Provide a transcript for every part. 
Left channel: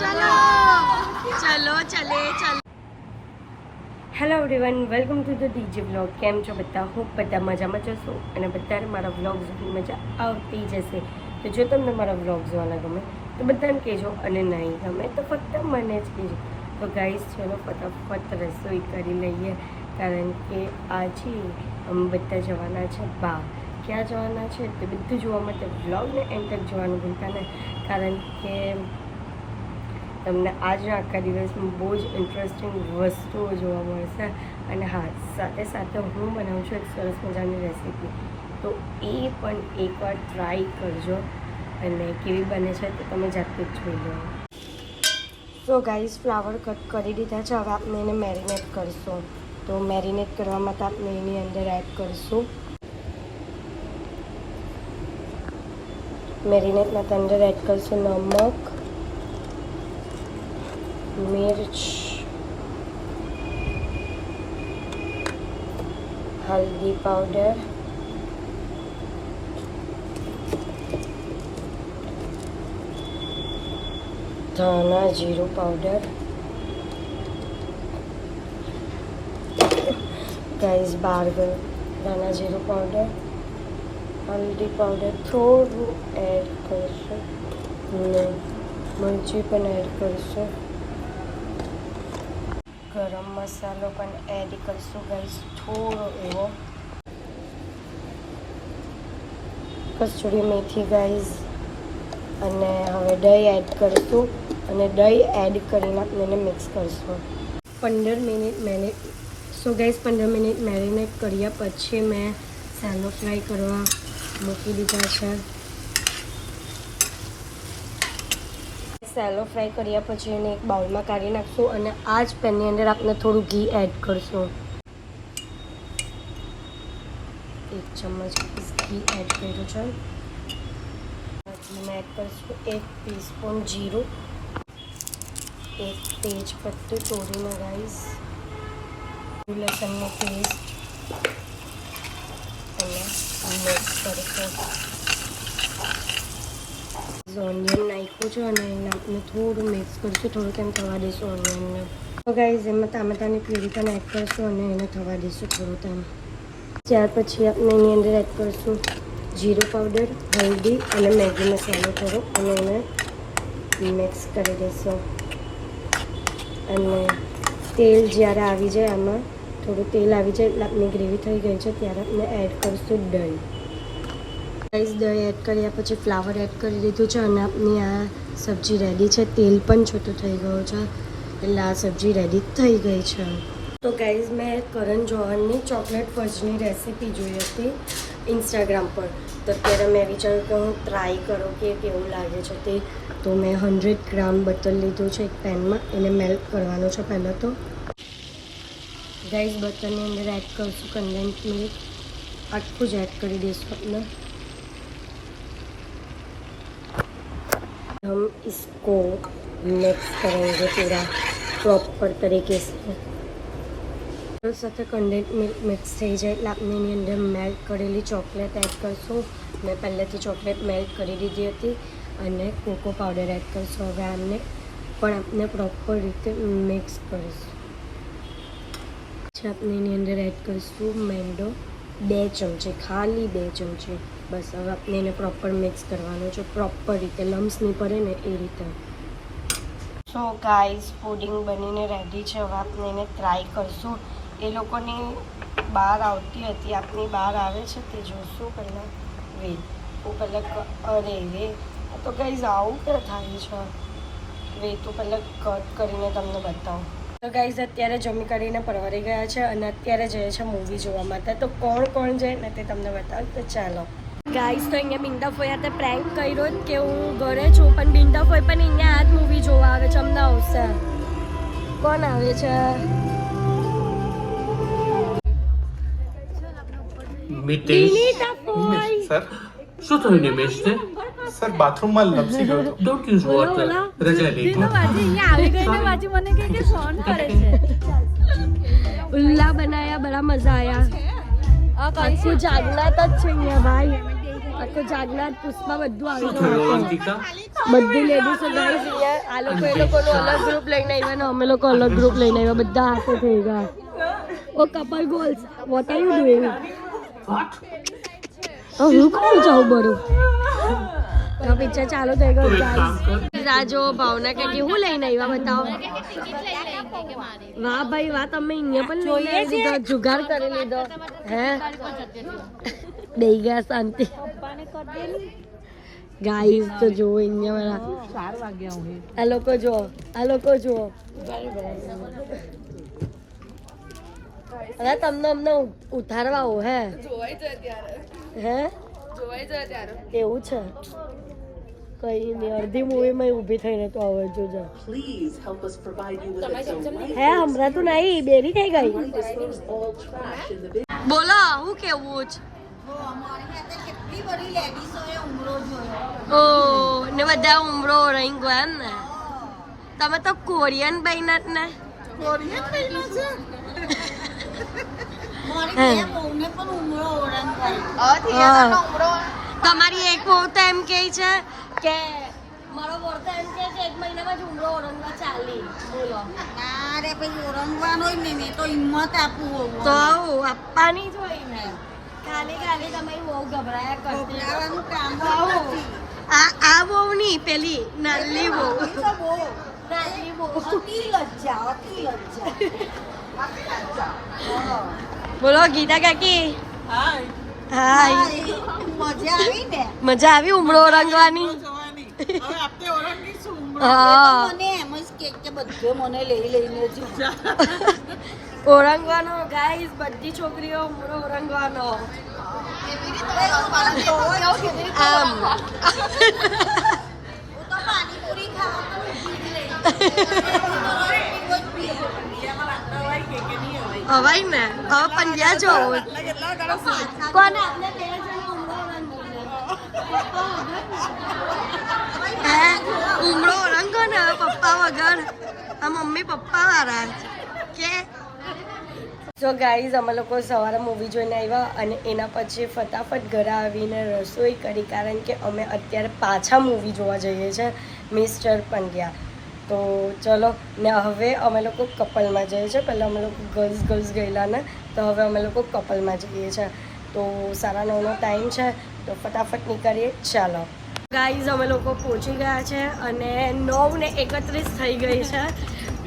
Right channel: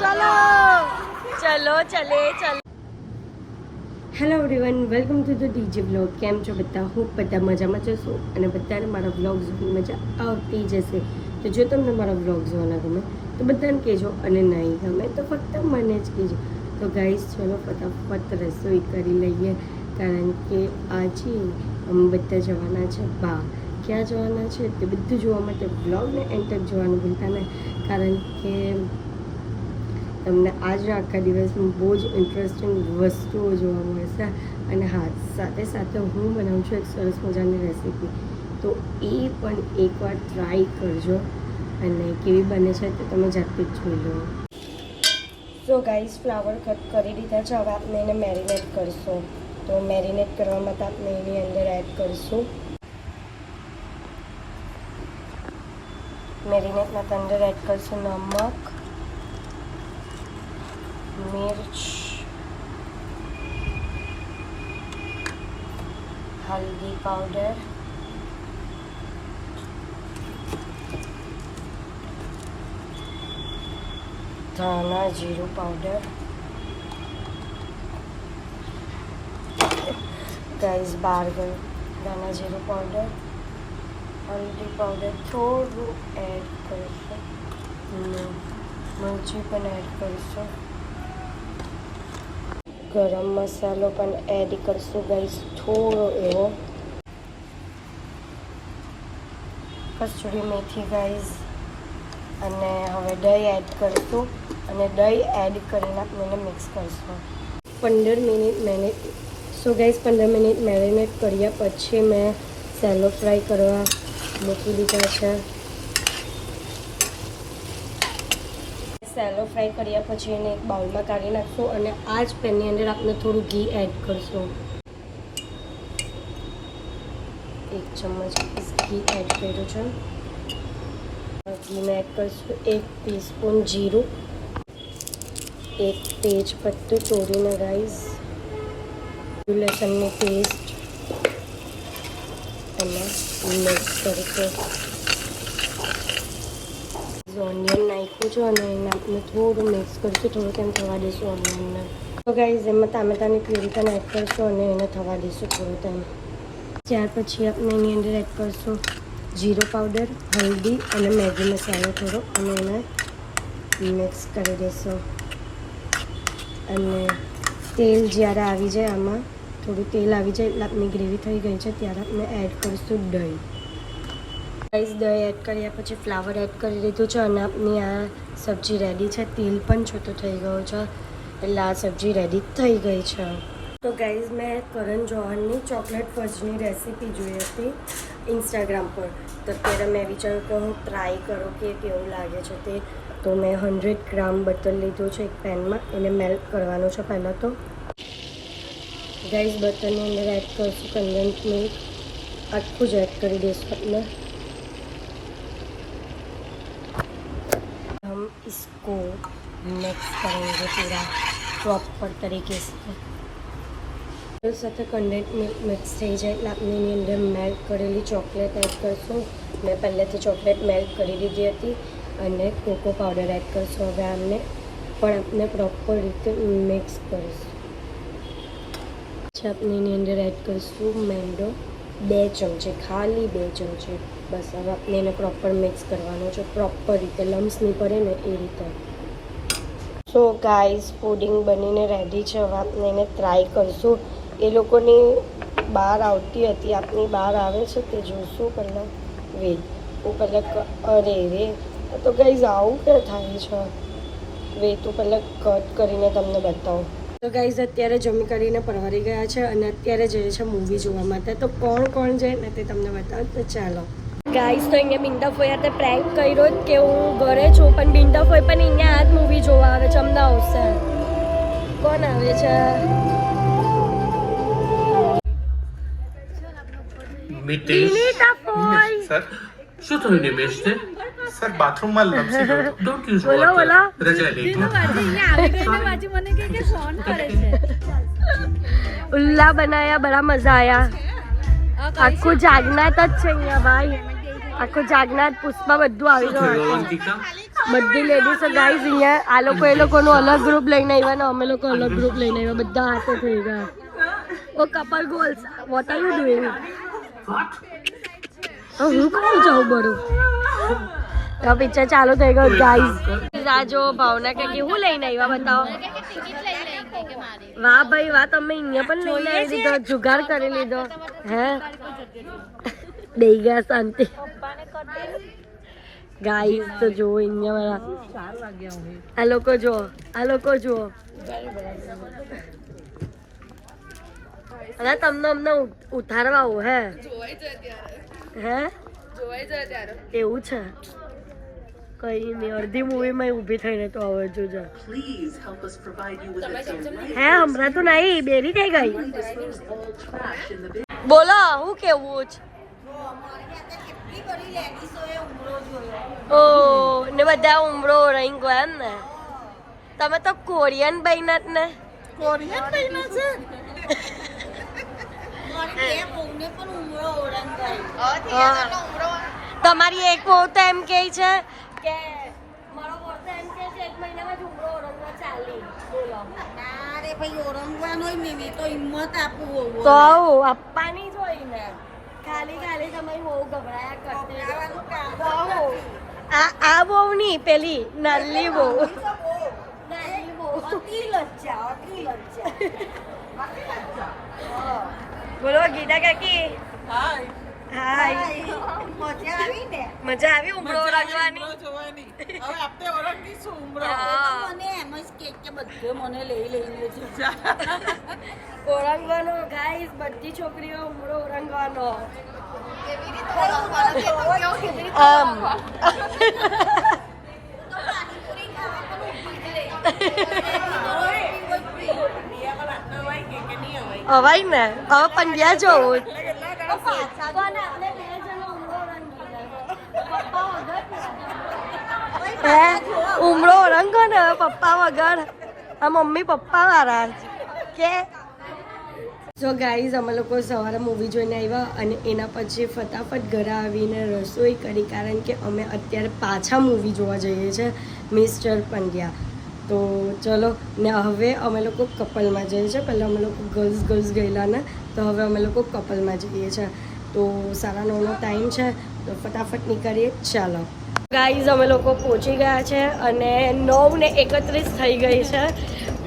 चलो चलो चले चलो hello everyone welcome to the DJ vlog. કેમ છો બધા? હું બધા મજામાં જશો અને બધાને મારા વ્લોગ જોવાની મજા આવતી જશે. તો જો તમને મારા વ્લોગ જોવાના ગમે તો બધાને કહેજો અને નહીં ગમે તો ફક્ત મને જ કહેજો. તો ગાઈસ ચલો ફટાફટ રસોઈ કરી લઈએ કારણ કે આજે અમે બધા જવાના છે બહાર. ક્યાં જવાના છે તે બધું જોવા માટે વ્લોગને એન્ડ તક જોવાનું ભૂલતા નહીં કારણ કે તમને આજના આખા દિવસમાં બહુ જ ઇન્ટરેસ્ટિંગ વસ્તુઓ જોવા મળશે. અને હા, સાથે સાથે હું બનાવું છું એક સરસ મજાની રેસીપી, તો એ પણ એકવાર ટ્રાય કરજો અને કેવી બને છે તે તમે જાતે જ જોઈ લો. સો ગાઈસ, ફ્લાવર કટ કરી દીધા છે. હવે આપણે એને મેરિનેટ કરશું. તો મેરિનેટ કરવા માટે આપણે એની અંદર એડ કરશું મેરિનેટ માટે અંદર એડ કરશું નમક, मिर्च, हल्दी पाउडर, धाना जीरू पाउडर, गाइस बार गयो धाना जीरू पाउडर, हल्दी पाउडर थोड़ું એડ કરશું અને મરચી પણ એડ કરશું. ગરમ મસાલો પણ એડ કરશું ગાઈસ થોડો, કસૂરી મેથી ગાઈસ. અને હવે દહીં એડ કરશું અને દહીં એડ કરીને આપણે એને મિક્સ કરશું 15 minute. So guys 15 minute marinate કર્યા પછી મેં સેલો ફ્રાય કરવા મૂકી દીધા છે. સેલો ફ્રાય કર્યા પછી એને એક બાઉલમાં કાઢી નાખશું અને આ જ પેનની અંદર આપણે થોડું ઘી એડ કરશું. 1 ચમચ ઘી એડ કર્યું છે. ઘીમાં એડ કરીશું 1 ટીસ્પૂન જીરું, 1 તેજ પત્તું તોડીને રાઈસ, લસણની પેસ્ટ અને મિક્સ કરીશું. ઓનિયન નાખ્યું છે અને એને આપણે થોડું મિક્સ કરીશું, થોડું કેમ થવા દઈશું ઓનિયનને. તો ગાઈઝ એમાં ટામેટાની પ્યુરી પણ એડ કરીશું અને એને થવા દઈશું થોડું ટાઈમ. ત્યાર પછી આપણે એની અંદર એડ કરીશું જીરું પાવડર, હલ્દી અને મેગી મસાલો થોડો અને એને મિક્સ કરી દઈશું. અને તેલ જ્યારે આવી જાય, આમાં થોડું તેલ આવી જાય એટલે આપણી ગ્રેવી થઈ ગઈ છે ત્યારે આપણે એડ કરીશું દહીં. ગાઈસ દહીં એડ કર્યા પછી ફ્લાવર એડ કરી દીધું છે અને આપણી આ સબ્જી રેડી છે. તેલ પણ છૂટું થઈ ગયું છે એટલે આ સબ્જી રેડી થઈ ગઈ છે. તો ગાઈઝ મેં કરણ જોહરની ચોકલેટ ફજની રેસીપી જોઈ હતી ઇન્સ્ટાગ્રામ પર. તો ત્યારે મેં વિચાર્યું કે હું ટ્રાય કરું કે કેવું લાગે છે તે. તો મેં 100 ગ્રામ બટર લીધું છે એક પેનમાં, એને મેલ્ટ કરવાનું છે પહેલાં. તો ગાઈઝ બટરની અંદર એડ કરશું કન્ડેન્સ મિલ્ક, આખું જ એડ કરી દઈશું આપણે. हम इसको मिक्स करेंगे पूरा प्रॉपर तरीके से. સાથે કન્ડેન્સ મિલ્ક મિક્સ થઈ જાય એટલે આપણે એની અંદર મેલ્ટ કરેલી ચોકલેટ એડ કરશું. મેં પહેલેથી ચોકલેટ મેલ્ટ કરી દીધી હતી અને કોકો પાવડર એડ કરશું. હવે આમને પણ આપણે પ્રોપર રીતે મિક્સ કરીશું. પછી આપણે એની અંદર એડ કરીશું મેંદો 2 ચમચી, ખાલી 2 ચમચી બસ. હવે આપણે એને પ્રોપર મિક્સ કરવાનું છે, પ્રોપર રીતે લમ્સ નહીં પડે ને એ રીતે. સો ગાઈઝ પુડિંગ બનીને રેડી છે. હવે આપણે એને ટ્રાય કરશું. એ લોકોની બહાર આવતી હતી, આપણી બહાર આવે છે તે જોઈશું. પહેલાં વેટ હું પહેલાં અરે રે તો ગાઈઝ આવું કે થાય છે. વેટ હું પહેલાં કટ કરીને તમને બતાવું. તો ગાઈઝ અત્યારે જમી કરીને પરવારી ગયા છે અને અત્યારે જઈએ છે મૂવી જોવા માટે. તો કોણ કોણ જાય ને તે તમને બતાવું. તો ચાલો ગાઈઝ, તો અહીંયા બિંદા ફોઈ હાથે પ્રેન્ક કર્યો કે હું ઘરે છું, પણ બિંદા ફોઈ પણ અહીંયા આ જ મૂવી જોવા આવે છે. અમને આવશે. કોણ આવે છે? સર શું થયું નિમેશ ને? સર બાથરૂમમાં લપસી ગયો. Don't use water. રજા લે. અહીંયા આવી ગઈને બાજુ મને કે ફોન કરે છે. ઉલ્લા બનાયા, બડા મજા આયા. આખું જાગનાટ જ છે અહીંયા ભાઈ. આખું જાગનાર પુષ્પા બધું આવી શું થયું ગયું અંકિતા? બધી લેડીઝો ગાઈઝ અહીંયા આ લોકો એ લોકોનું અલગ ગ્રુપ લઈને આવ્યા ને અમે લોકો અલગ ગ્રુપ લઈને આવ્યા બધા હાથે થઈ ગયા oh couple goals what are you doing હું કરું જાઉં બરું પિક્ચર ચાલુ થઈ ગયો ગાઈઝ રાજો ભાવના કે હું લઈને આવ્યા બતાવો વાહ ભાઈ વાહ તમે અહીંયા પણ લઈને આવી દીધો જુગાર કરી લીધો હે દઈ ગયા શાંતિ ગાઈઝ તો જો અહીંયા મારા આ લોકો જુઓ અરે તમને અમને ઉતારવા આવો હે એવું છે કઈ નહીં અડધી મૂવીમાં ઊભી થઈને તો આવે જોજો હે હમણાં તો નહીં બેરી થઈ ગઈ બોલો હું કેવું છે ઓ ને બધા ઉમરો રહી ગયા એમ ને તમે તો કોરિયન બન્યા જ ને તમારી એક બહુ તો એમ કે છે કે મારો બોર તો એમ કે છે 1 મહિનામાં જ ઉમરો ઓરંગવા ચાલે બોલો અરે ભાઈ ઓરંગવાનો જ ને તો હિંમત આપવું તો આપવાની જ હોય ને ખાલી તમારી બહુ ગભરાયા કરતી આ બહુ નહીં પેલી નાની બહુ અતિ લજ્જા બોલો ગીતા કાકી હાય મજા આવી ઉમળો રંગવાની ઓરંગવાનો ગાઈસ બધી છોકરીઓ ઉમળો ઓરંગવાનો આમ હવાઈ ને હવે પંડ્યા જો કોને આપણે 2 જણા ઉમરો રંગીને હે ઉમરો રંગો ને પપ્પા વગર આ મમ્મી પપ્પા વાળા કે જો ગાઈઝ અમે લોકો સવારે મૂવી જોઈને આવ્યા અને એના પછી ફટાફટ ઘરે આવીને રસોઈ કરી કારણ કે અમે અત્યારે પાછા મૂવી જોવા જઈએ છીએ મિસ્ટર પંડ્યા તો ચલો ને હવે અમે લોકો કપલમાં જઈએ છીએ પહેલાં અમે લોકો ગર્લ્સ ગયેલા ને તો હવે અમે લોકો કપલમાં જઈએ છીએ તો 9:30નો ટાઈમ છે તો ફટાફટ નીકળીએ ચાલો ગાઈઝ અમે લોકો પહોંચી ગયા છે અને 9:31 થઈ ગઈ છે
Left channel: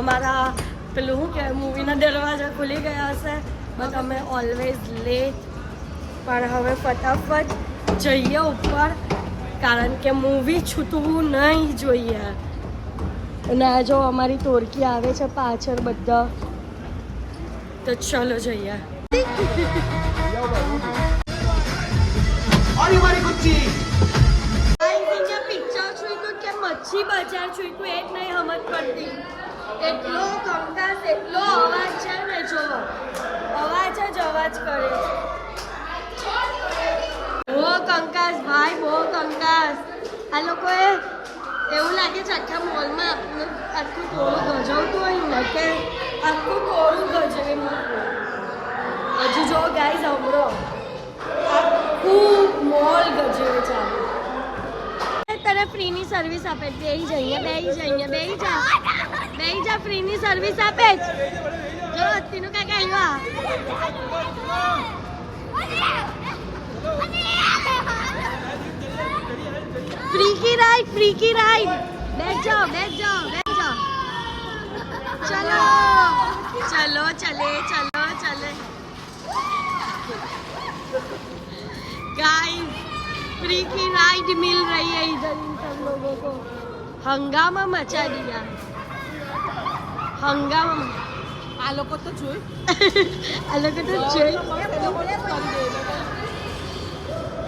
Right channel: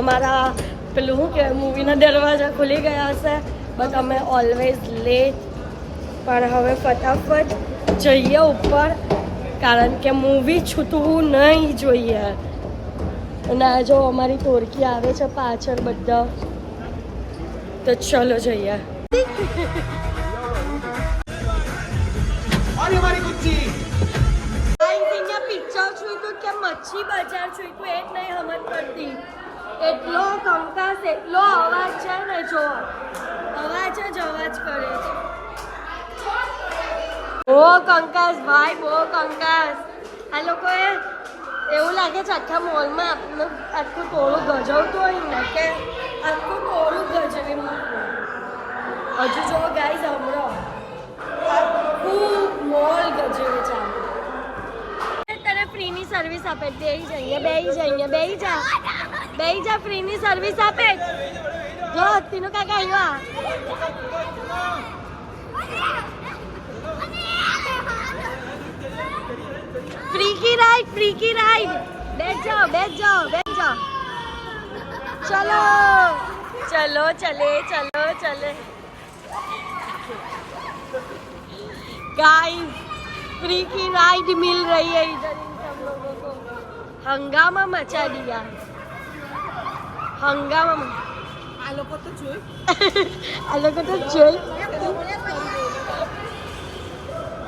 અમારા પેલું શું કહેવાય મૂવીના દરવાજા ખુલી ગયા હશે બટ અમે ઓલવેઝ લેટ પણ હવે ફટાફટ જઈએ ઉપર કારણ કે મૂવી છૂટવું નહીં જોઈએ અને આ જો અમારી ટોળકી આવે છે પાછળ બધા તો ચલો જઈએ પિક્ચર જોઈતું કે મચ્છી બજાર જોઈતું એ જ નહીં સમજ પડતી એટલો કંકાસ એટલો અવાજ છે ને જો અવાજ જ અવાજ કરે છે બહુ કંકાસ ભાઈ બહુ કંકાસ આ લોકોએ એવું લાગે છે આખા મોલમાં આપણને આખું ટોળું ગજવતું હોય ને કે આખું ટોળું ગજવી મૂકવું હજુ જો ગાય સાંભળો આખું મોલ ગજવે છે તને ફ્રીની સર્વિસ આપે બેહી જા ફ્રીની સર્વિસ આપે જ જો તીનું કાકા આવ્યા फ्री की राइड बैठ जाओ चलो चले गाइस फ्री की राइड मिल रही है इधर इन सब लोगों को हंगामा मचा दिया हंगामा आ लोग तो जोई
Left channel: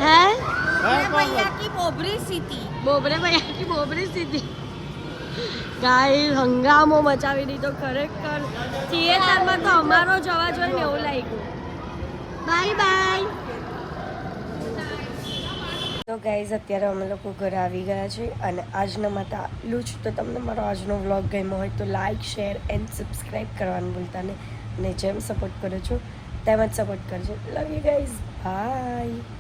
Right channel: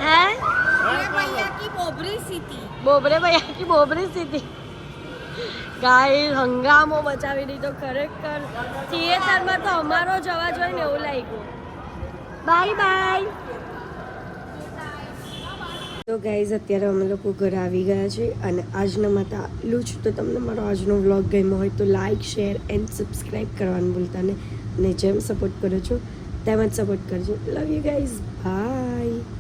है भैया की बोबरी सी थी ગાઈસ હંગામો મચાવી દીધો ખરેખર થિયેટરમાં તો અમારો જ અવાજ હોય ને એવું લાગ્યું બાય તો ગાઈઝ અત્યારે અમે લોકો ઘરે આવી ગયા છે અને આજના માટે આટલું જ તો તમને મારો આજનો વ્લોગ ગમ્યો હોય તો લાઇક શેર એન્ડ સબસ્ક્રાઈબ કરવાનું ભૂલતા નહીં અને જેમ સપોર્ટ કરો છો તેમ જ સપોર્ટ કરજો લવ યુ ગાઈઝ બાય